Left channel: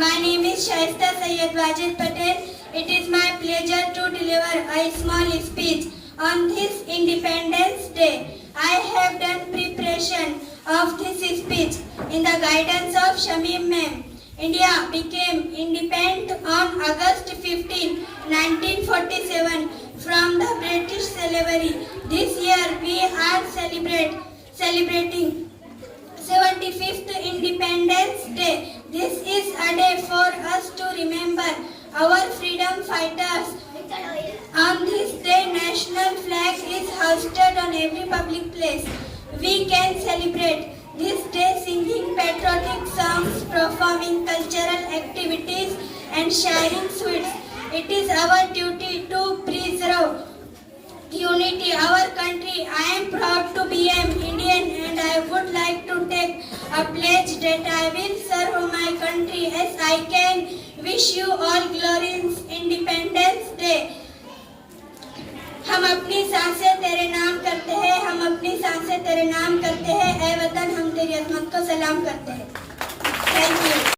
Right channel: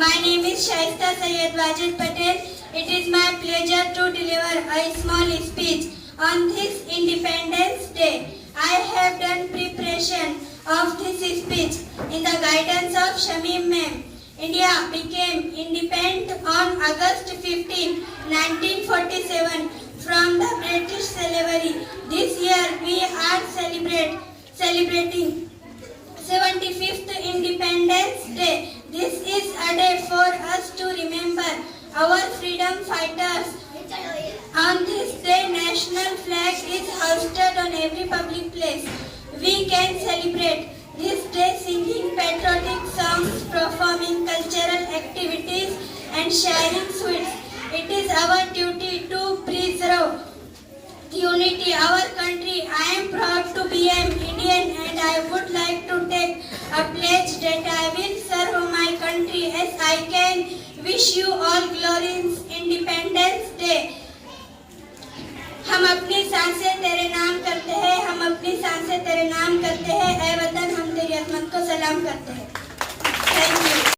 My name is Shaista Syed Wajid Patel. It is my pleasure to deliver a small speech on this Independence Day. I have done preparation of this speech in the guidance of Shamim Ma'am. India became independent on August 15, 1947 from the British slavery. This year we are celebrating 75th Independence Day. This is a day for us to remember our freedom fighters. On this day, national flag is hoisted on every public place. We can celebrate this day singing patriotic songs, performing cultural activities and sharing sweets. It is our duty to preserve unity, our country. I am proud to be an Indian and I would like to take a pledge that I will serve my country as I can. Wish you all glorious independence.